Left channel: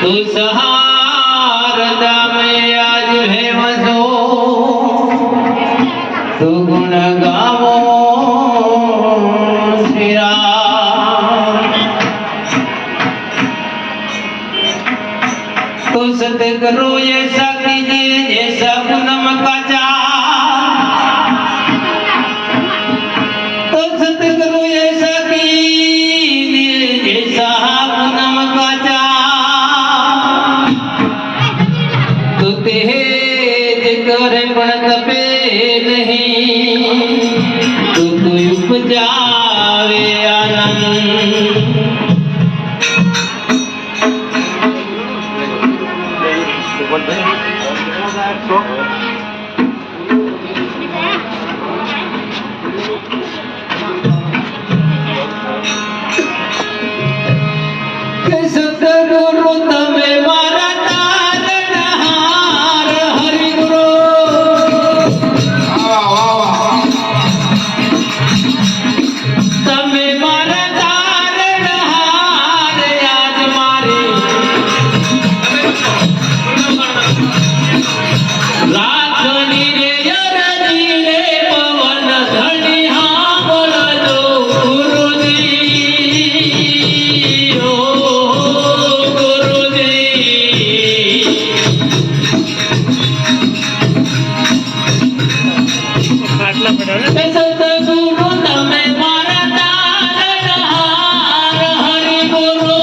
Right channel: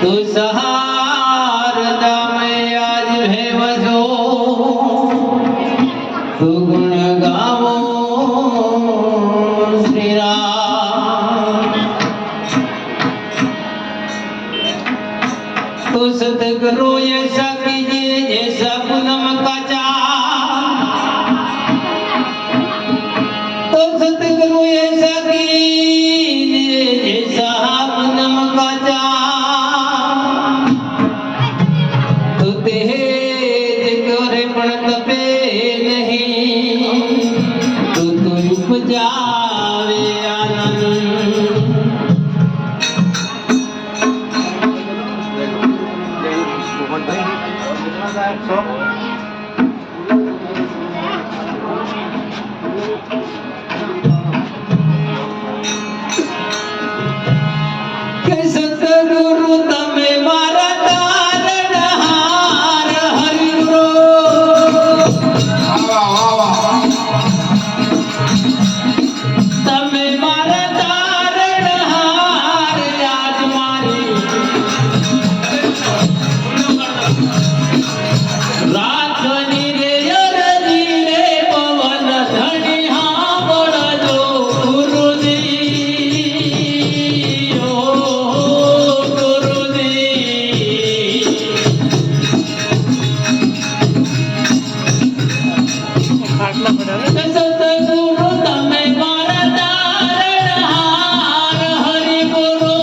तू सहारदा में आज भेवजो तू गुण गावो श्री राम। तू सतगुरु ऐसा कीजिए जैसा पूनम का चाँद, तो सतगुरु ऐसा कीजिए जैसा पूनम का चाँद। तो तेज करे पण तपे नहीं, तो उपजावे आनंद। सतगुरु तमे मारा तारणहार, हरि गुरु तमे मारा तारणहार। आज मारे राखनी रे अरजी रे पवन धनी हाँ बोलजो गुरुजी ओ गुरुजी। सतगुरु तमे मारा तारणहार, हरि गुरु